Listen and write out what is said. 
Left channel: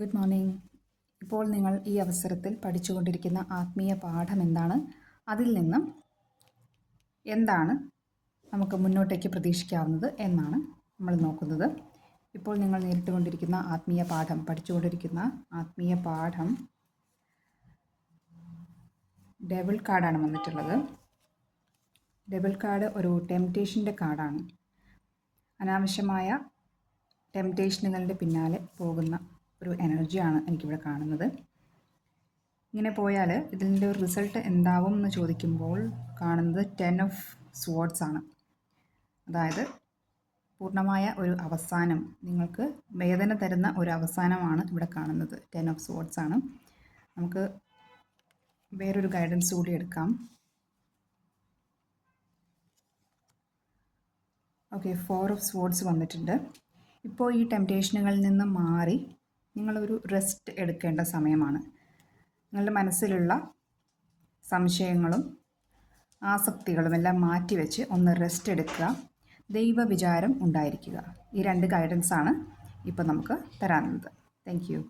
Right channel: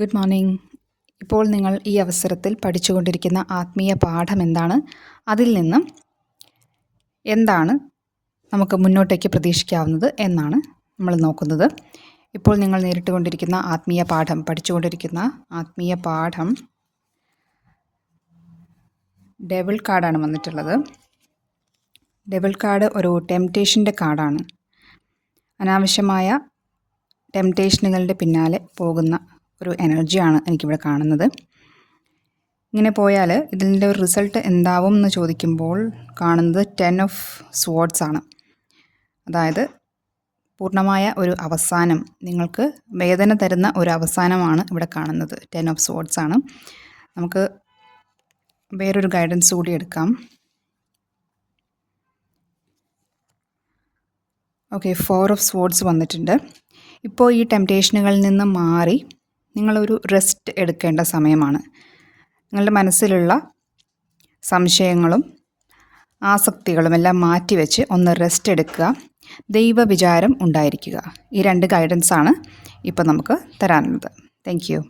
Good morning. ഇപ്പോൾ നിങ്ങൾ ഈ അവസരത്തിൽ പഠിച്ചുകൊണ്ടിരിക്കുന്ന ആത്മീയ പാഠം എന്താണ്? അതിൽ നിന്ന് എന്താണ് നമുക്ക് മുന്നോട്ടേക്ക് പ്രതീക്ഷിക്കാവുന്നത് എന്നാണ് നമ്മൾ നോക്കുന്നത്. ഇപ്പോൾ നിങ്ങൾ നേരിട്ടുകൊണ്ടിരിക്കുന്ന പഠിച്ചുകൊണ്ടിരിക്കുന്ന ആത്മീയ പാഠം ഡെവിൾ കാർഡാണ് വന്നിട്ടുള്ളത്. ഡെവിൾ കാർഡ് ഒരു ടെംപ്റ്റേഷൻ്റെ കാർഡാണ്. അനാവശ്യമായ ടെംപ്റ്റേഷനുകളുടെ പിന്നാലെ പോകുന്ന ഒരു എനർജിയാണ് എനിക്കിവിടെ കാണുന്നത്. ഇങ്ങനെ പോയാൽ ഇതിൻ്റെ ഒരു റിസൾട്ട് എന്താവും എന്ന് ചോദിക്കുമ്പോൾ കാണുന്നത് 10 ഓഫ് സ്വാർഡ്സ് ആണ്. അതായത് പൂർണ്ണമായ ഒരു അവസാനം, നിങ്ങൾക്ക് വേദന തരുന്ന ഒരു അവസാനമാണ് ഇവിടെ കാണുന്നത്. 10 ഓഫ് സ്വാർഡ്സ് ആണ്. നമുക്ക് വേറൊരു ഗൈഡൻസ് കൂടി എടുക്കാം. ഓക്കെ, 4 ഓഫ് സ്വാർഡ്സ് വന്നിട്ടുണ്ട്. ഇപ്പോൾ ഈ ടെംപ്റ്റേഷനുകളിൽ നിന്ന് മാറി നിങ്ങളൊരു റെസ്റ്റ് എടുക്കേണ്ട സമയമാണ്. നിങ്ങളുടെ മനസ്സിലുള്ള സംശയങ്ങളും ആസക്തികളും എല്ലാം മാറ്റിവെച്ച് ഒന്ന് റെസ്റ്റ് എടുക്കുക, ദൈവവിചാരം ഉണ്ടായിരിക്കുക. ഈ 2 ഗൈഡൻസാണ് ഇപ്പോൾ നമുക്ക് തരാനുള്ളത്. Thank you.